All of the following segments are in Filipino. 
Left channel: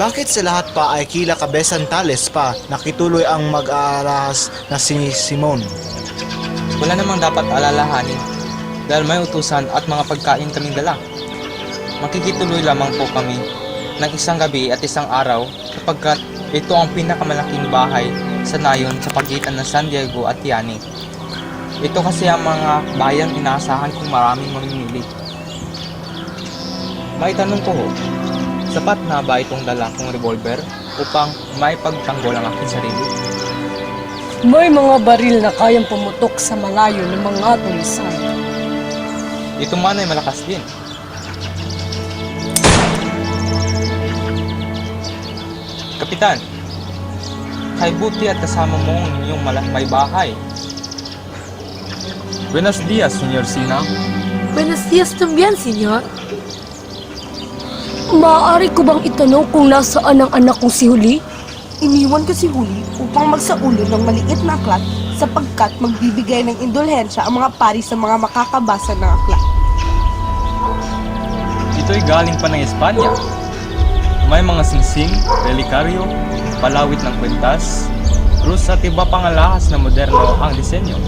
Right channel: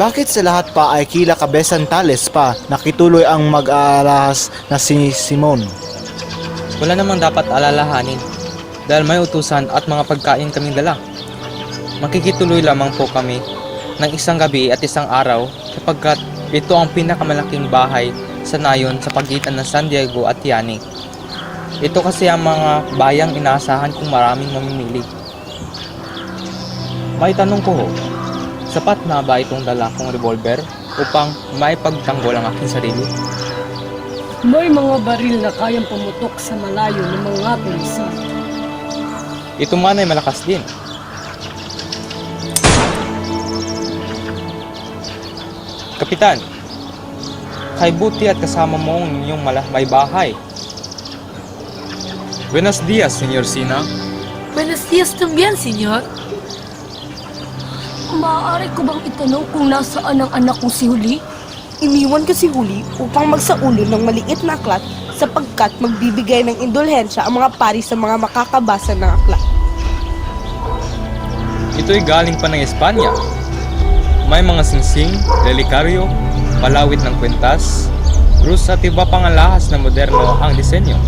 Bakit sa lahat pa ay kila Kabesan Tales pa nakituloy ang mag-aalahas na si Simon? Wala namang dapat alalahanin dahil may utusan at mga pagkain kaming dala. Makikituloy lamang po kami ng isang gabi at isang araw sapagkat ito ang pinakamalaking bahay sa nayon sa pagitan ng San Diego at Tiani. Ito kasi ang mga bayang inaasahan kong maraming mamimili. May tanong ko ho, sapat na ba itong dala kong revolver upang maipagtanggol ang aking sarili? May mga baril na kayang pumutok sa malayo ng mga tulisan. Ito man ay malakas din. Kapitan, kay buti at kasama mo ang inyong may bahay. Buenos dias, Senyor Sina. Buenos días también, señor. Maaari ko bang itanong kung nasaan ang anak kong si Huli? Iniwan ko si Huli upang magsaulo ng maliit na aklat sapagkat magbibigay ng indulhensya ang mga pari sa mga makakabasa ng aklat. Ito'y galing pa ng Espanya. May mga singsing, relikaryo, palawit ng kwentas, krus at iba pang alahas na moderno ang disenyo.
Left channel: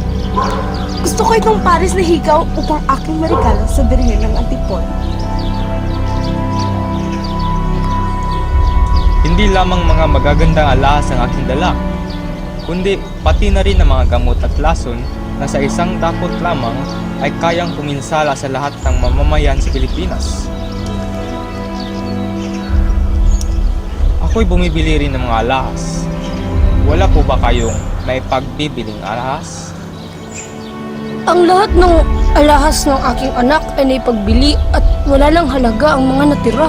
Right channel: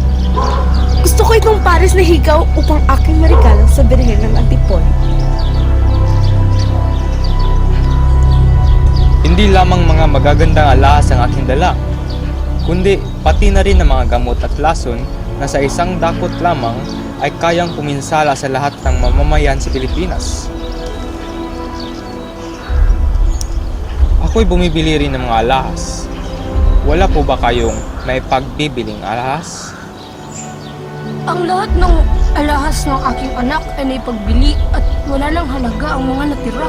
Gusto ko itong paris na hikaw upang aking marigalo sa Birhen ng Antipon. Hindi lamang mga magagandang alahas ang aking dala, kundi pati na rin ang mga gamot at lason na sa isang dakot lamang ay kayang puminsala sa lahat ng mamamayan sa Pilipinas. Ako'y bumibili rin ng mga alahas. Wala po ba kayong naipagbibiling alahas? Ang lahat ng alahas ng aking anak ay naipagbili at wala lang halaga ang mga natira.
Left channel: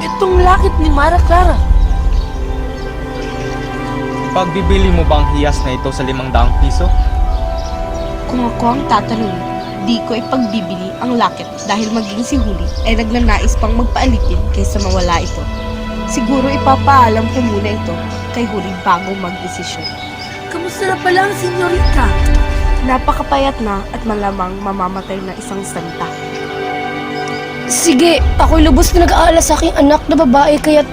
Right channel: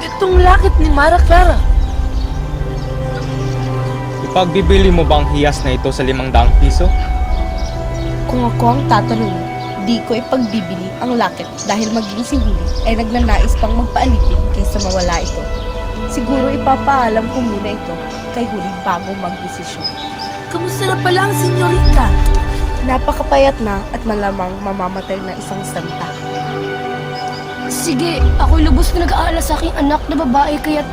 Itong lakit ni Mara Clara. Ipagbibili mo bang hiyas na ito sa 500 piso? Kung ako ang tatanungin, di ko ipagbibili ang lakit dahil maging si Huli ay nagnanais pang magpaalitin kaysa mawala ito. Siguro ipapaalam ko muna ito kay Huli bago magdesisyon. Kamusta na pala ang senyorita? Napakapayat na at malamang mamamatay na isang santa. Sige, ako'y lubos na nag-aalala sa aking anak na babae kaya't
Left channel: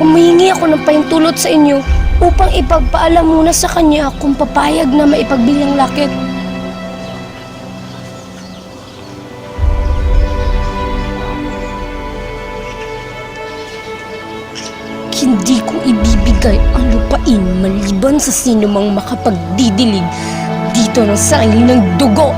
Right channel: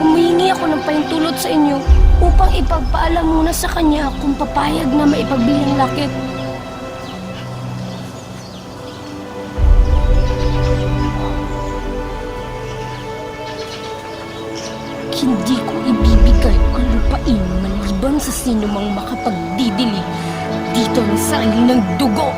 humihingi ako ng pahintulot sa inyo upang ipagpaalam muna sa kanya kung papayag na maipagbili ang lakit. Hindi ko ibibigay ang lupain maliban sa sino mang makapagdidilig dito ng sali ng dugo.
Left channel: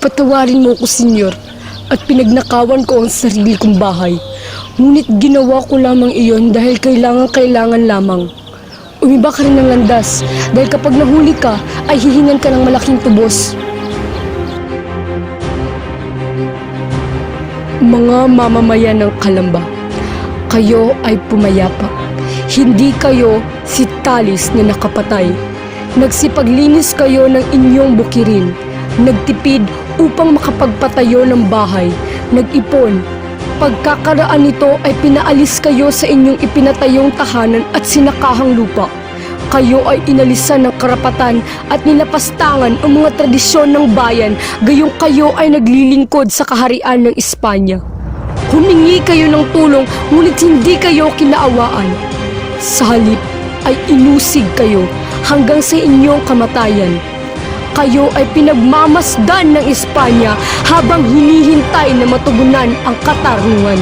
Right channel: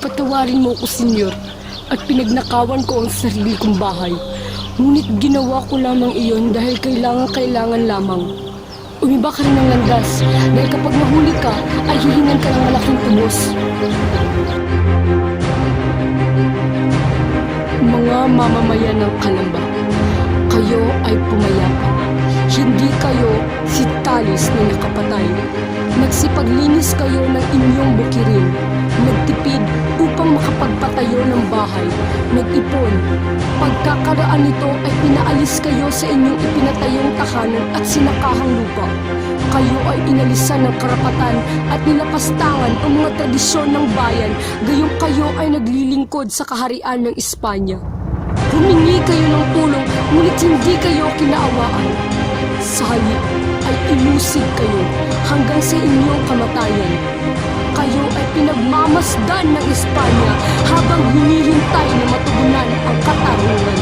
Patawarin mo ko, senyor, at pinagnakawan ko ang sarili kong bahay. Ngunit ginawa ko lamang iyon dahil kailangan lamang. Umiba ka rin ng landas dahil kapag nahuli ka, ay hihingan ka ng malaking tubos. Mga mamamayan ng Calamba, kayo ay pumayapa. Hindi kayo si Talis na nakapatay. Nagsipaglinis kayo ng inyong bukirin. Nagtipid upang makapagpatayo ng bahay. Nag-ipon. Pagkakaraan nito ay pinaalis kayo sa inyong ipinatayong tahanan at sinakahang lupa. Kayo ay inalisan ng karapatan at nilapastangan ang mga tradisyon ng bayan, gayong kayo ay naglilingkod sa kaharian ng Espanya. Humingi kayo ng tulong, ngunit hindi kayo kinaawaan. Sa halip ay inusig kayo hanggang sa inyong kamatayan. Kayo ay pinagmamasdan ng Espanya habang hinihintay na matugunan ang katarungan.